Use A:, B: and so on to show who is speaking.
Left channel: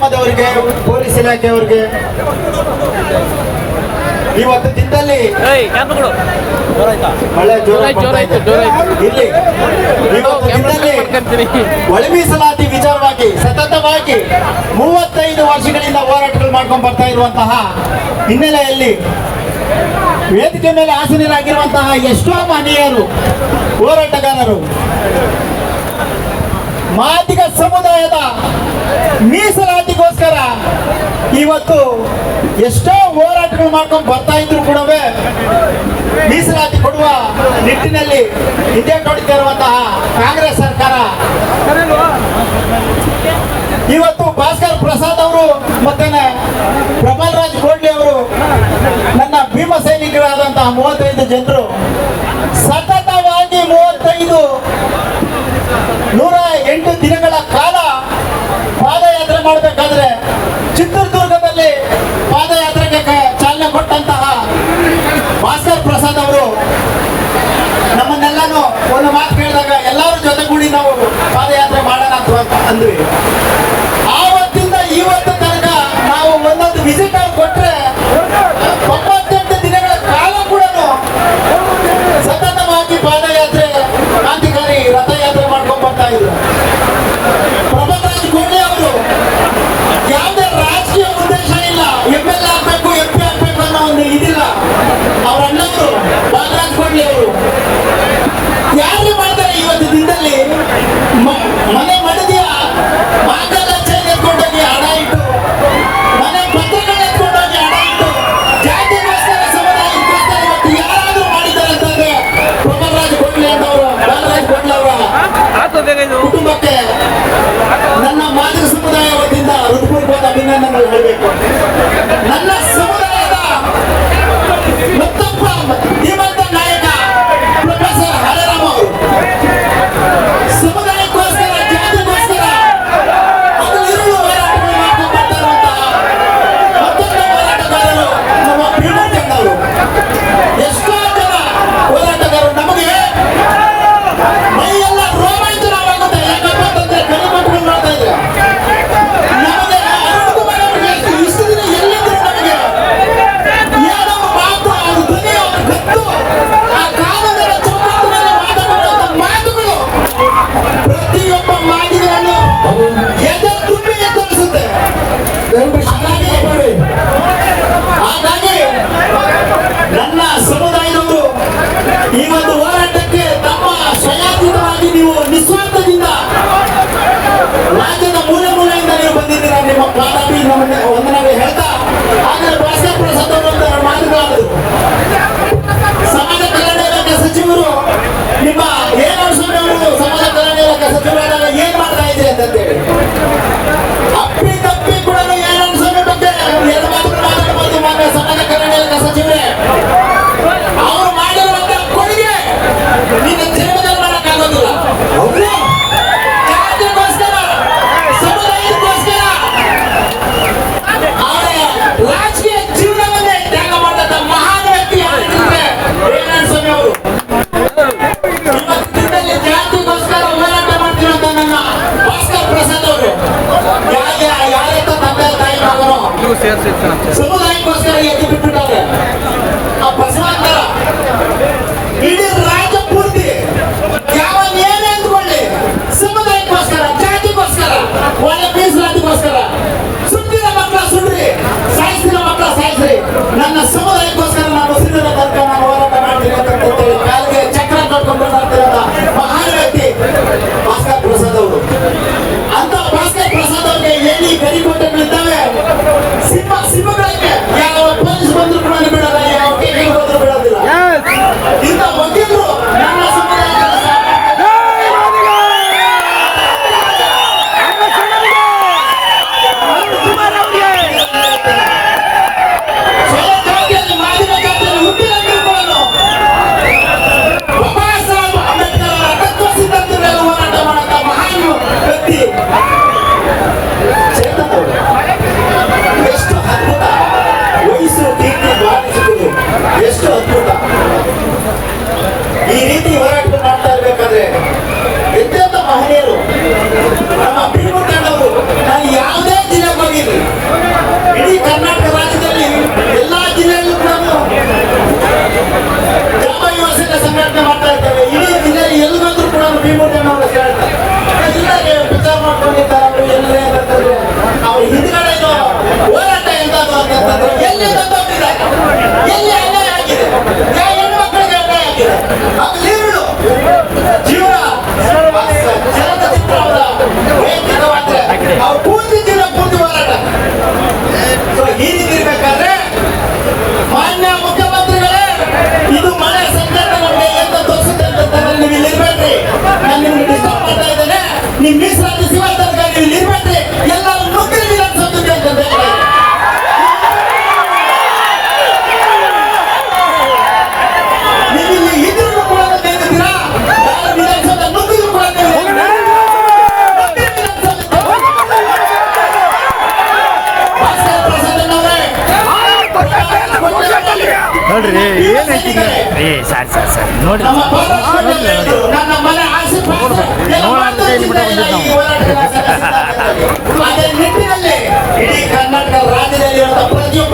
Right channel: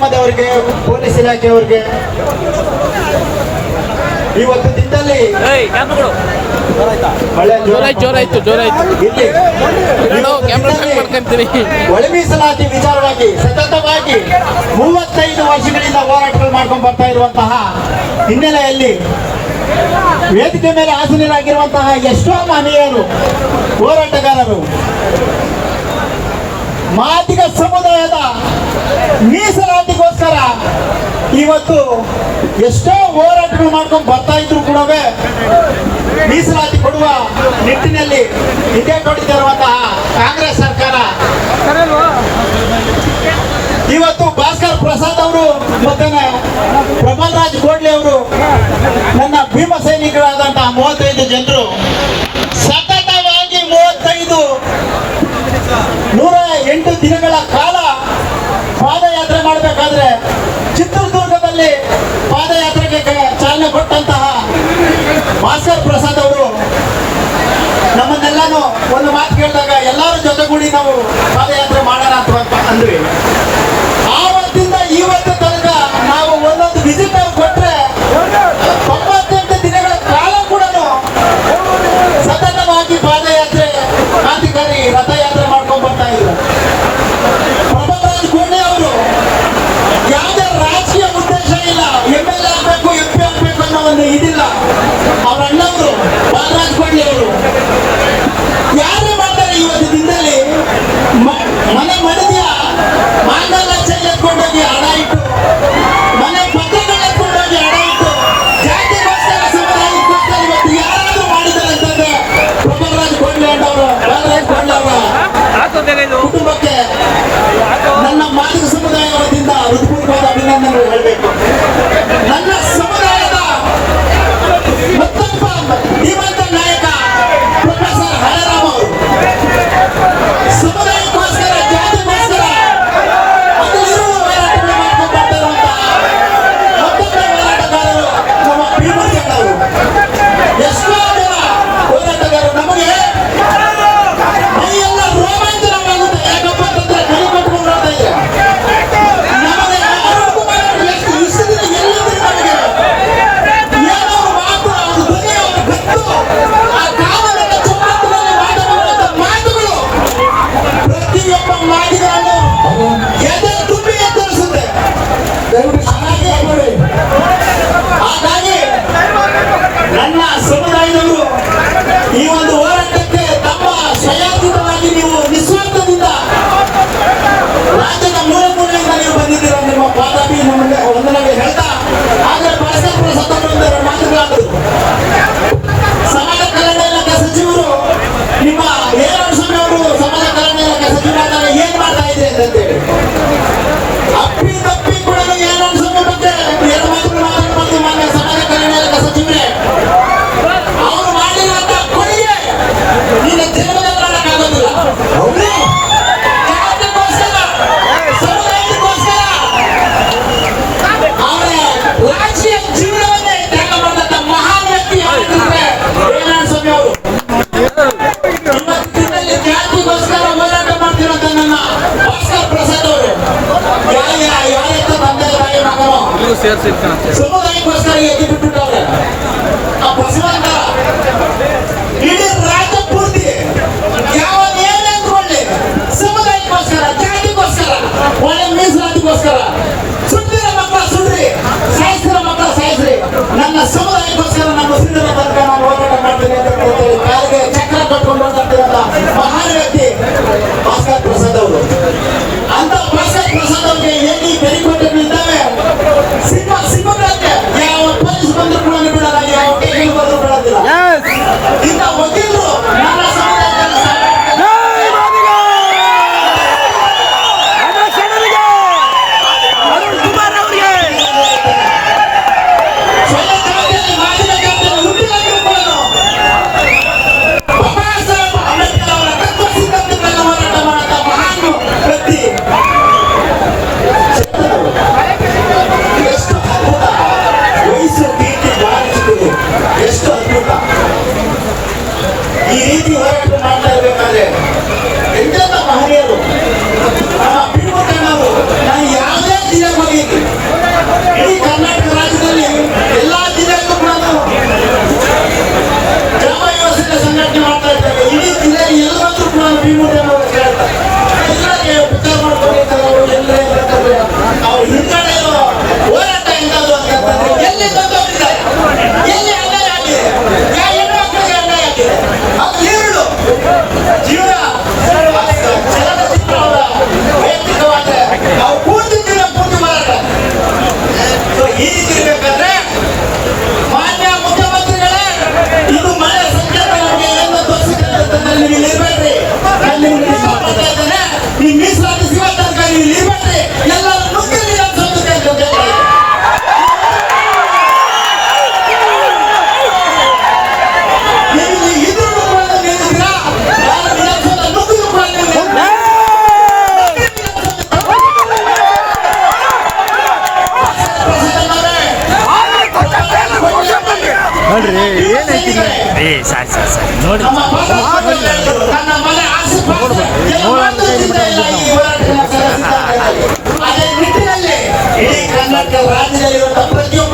A: ಗ್ರಾಮದವರಿಗೆ police ಇಲಾಖೆಯವರಿಗೆ ಇವತ್ತು ದಿನದಲ್ಲಿ ಒಳ ಮೀಸಲಾತಿ ವಿಚಾರವಾಗಿ ಸತತವಾಗಿ ಮೂವತ್ತೈದು ವರ್ಷಗಳಿಂದ ಹೋರಾಟಗಳು ಮಾಡ್ಕೊಂಡು ಬರ್ತಾ ಇರುವಂತಹ ಹಿನ್ನೆಲೆಯಲ್ಲಿ ವೇದಿಕೆ ಮೇಲೆ ಆಸೀನರಾಗಿರುವಂತಹ ಎಷ್ಟೋ ಮಹನೀಯರು ಹೋರಾಟಗಾರರು ಮಾದಿಗ ಸಮುದಾಯದ ಮೀಸಲಾತಿ ಇವತ್ತು ಎಷ್ಟೋ ಹೋರಾಟಗಳು ಮಾಡ್ಕೊಂಡು ಬರ್ತಾ ಇದ್ರು ಕೂಡ ಮೀಸಲಾತಿ ಕೊಡುವ ನಿಟ್ಟಿನಲ್ಲಿ ಹಿಂದೆ ನೋಡಿದ್ದೇ ಕಾಂಗ್ರೆಸ್ ಸರ್ಕಾರ. ಇವತ್ತು ಭಾಸ್ಕರ್ ಪ್ರಸಾದ್ ಅವರು ಮತ್ತೆ ಪ್ರಮಾದ್ ರಾಜ್ ಗೋಡ್ಲಿ ಅವರು ನನ್ನ ಭೀಮ ಸೈನಿಕರಾದಂತಹ ಮೂವತ್ತೈದು ಜನರು ಸತತವಾಗಿ ಮೂವತ್ತೈದು ನೂರ ಎಂಟು ದಿನಗಳ ಕಾಲ ಪಾದಯಾತ್ರೆ ಮಾಡಬೇಕಾದ್ರೆ Chitradurga 对。Yeah. agradecer a você por estar na. ವಿಚಾರ ಮಾಡ್ಕೊಂಡಿರ್ತಾರೆ ಅವರು ಎಲ್ಲೇ ಬರ್ತದೆ ಇರೋ ಹೋರಾಟ ಆಗಿದೆ ನೀವು ಮೀಸಲಾತಿ ಸಿಗೋ ತನಕ ನೋಡ್ರಿ ಏನೈತಿ ಏ ಸರಿ ಸರಿ ಸರಿ. ನೋಡ್ರಿ. ನೋಡ್ಬೇಕು. ನಾವು
B: ರಾಜ್ಯದಲ್ಲಿ ಪ್ರತಿಯೊಬ್ಬ